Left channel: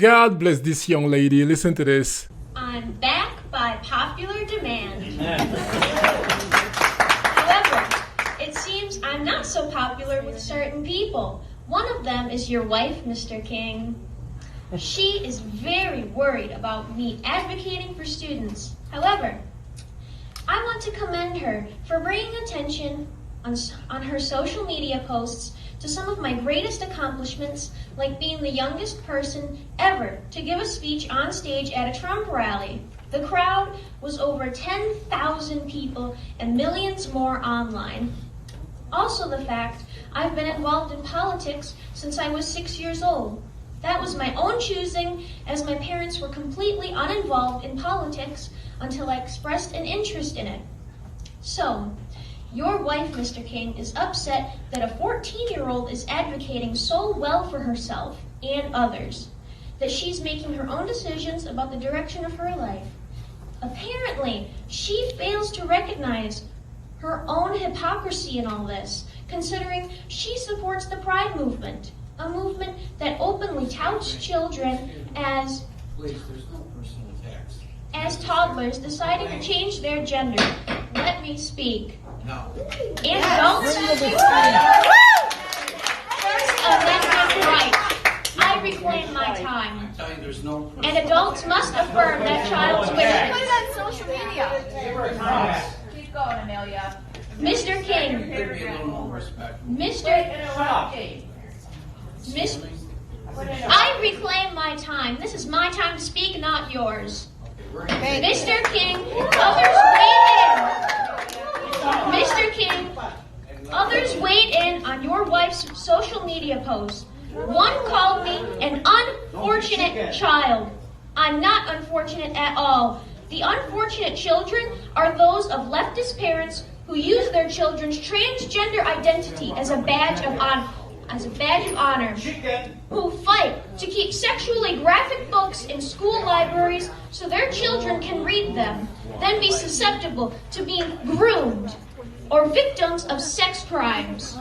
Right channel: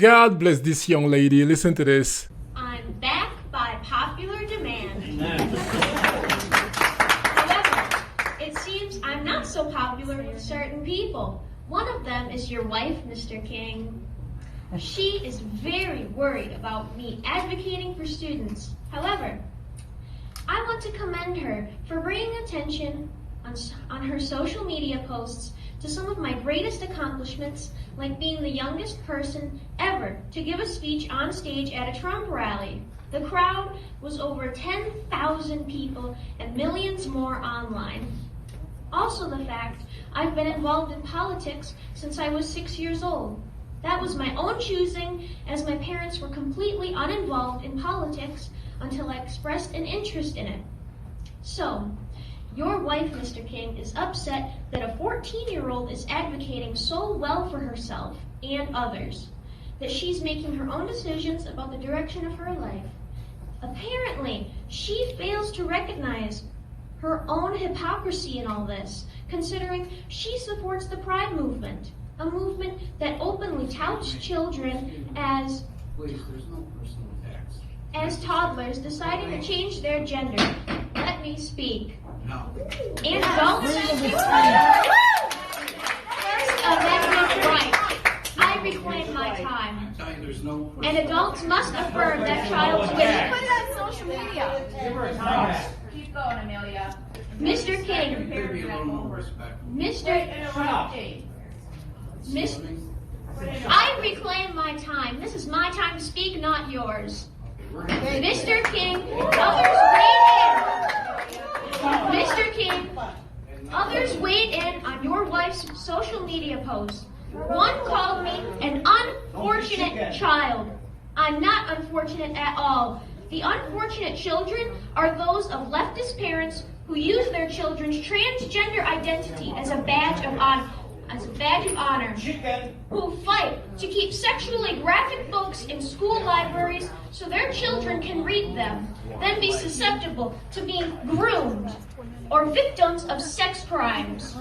God bless this young lady. Listen to this. I'm back by popular demand. However, it seems I'm not so popular with certain people. One of them is your wife, Mr. King. She is very worried about me advocating for students. However, I want to commend her for bringing attention on her social media posts to some of my greatest accomplishments, like being the youngest person ever to give a speech on stage at a Trump rally. The crowd was over 10,000 people and millions more online. Also the fact I've been involved in politics since I was 6 years old. That was my own choosing, as my parents were completely uninvolved in politics until I expressed an interest in it. So, your wife, Mr. King, is upset that a 14-year-old is advocating so well for herself and others, that she's making her own decisions about the direction of her life. Apparently, she fails to recognize her own hypocrisy in all this, considering she supports the Pride movement, a movement that openly touts children as toddlers deciding to change their gender. Let me speak. No. And adults, First Amendment right. I reclaim my time. I'm telling you, there's no. And adults must affirm that child's wishes. Play that social media. Keep going, Amelia. Mr. King, Maybe a little more respect. I reclaim my time. This is my time to speak, not yours. Mr. King, others weighed in. Mr. King, others weighed in on your wife's social media posts. One called me an unfortunate child. I'm not unfortunate at all. The unfortunate children are those of leftist parents who use their children's transgender identity as a badge of honor, who fight to keep sexually graphic books in school libraries so their children can read them, then be susceptible to being groomed or victims of sex crimes.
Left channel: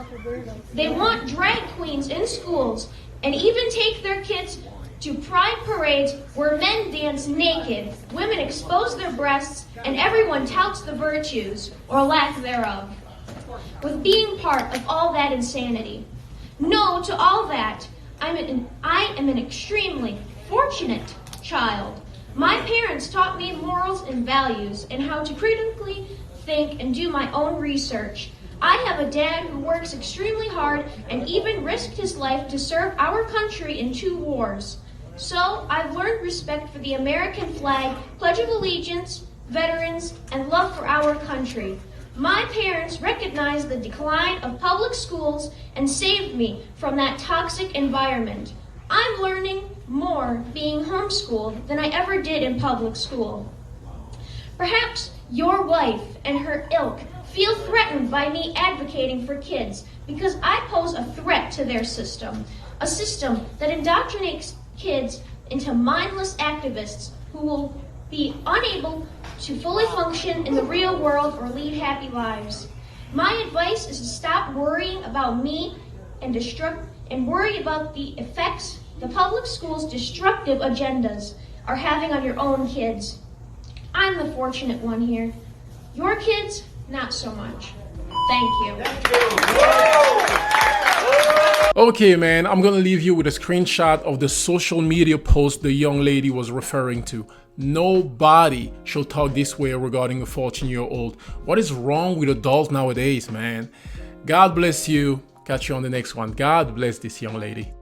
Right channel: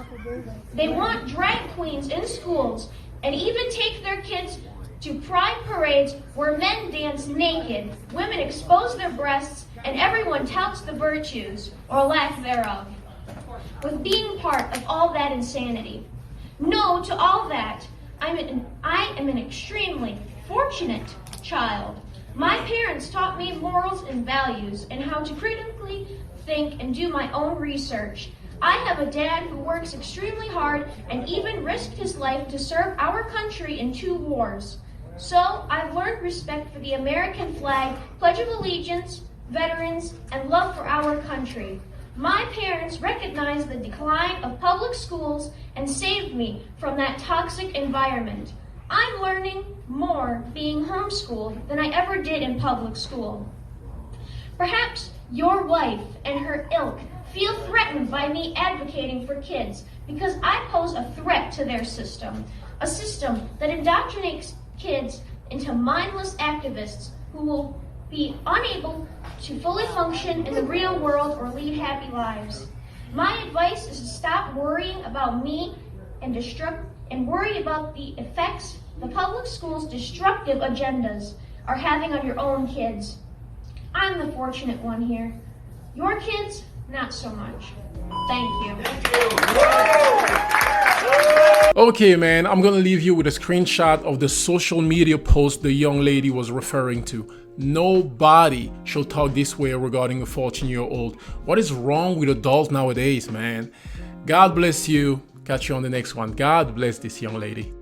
They want drag queens in schools and even take their kids to pride parades where men dance naked, women expose their breasts, and everyone touts the virtues, or lack thereof, with being part of all that insanity. No to all that. I am an extremely fortunate child. My parents taught me morals and values and how to critically think and do my own research. I have a dad who works extremely hard and even risked his life to serve our country in 2 wars. So I've learned respect for the American flag, Pledge of Allegiance, veterans, and love for our country. My parents recognized the decline of public schools and saved me from that toxic environment. I'm learning more being homeschooled than I ever did in public school. Perhaps your wife and her ilk feel threatened by me advocating for kids because I pose a threat to their system, a system that indoctrinates kids into mindless activists who will be unable to fully function in the real world or lead happy lives. My advice is to stop worrying about me and worry about the effects the public schools' destructive agendas are having on your own kids. I'm the fortunate one here. Your kids, not so much. Thank you. Okay, man, I'm gonna leave you with a screenshot of the social media post the young lady was referring to. Nobody should talk this way regarding a 14-year-old. What is wrong with adults nowadays, man? God bless you. Catch you on the next one. God bless this young lady.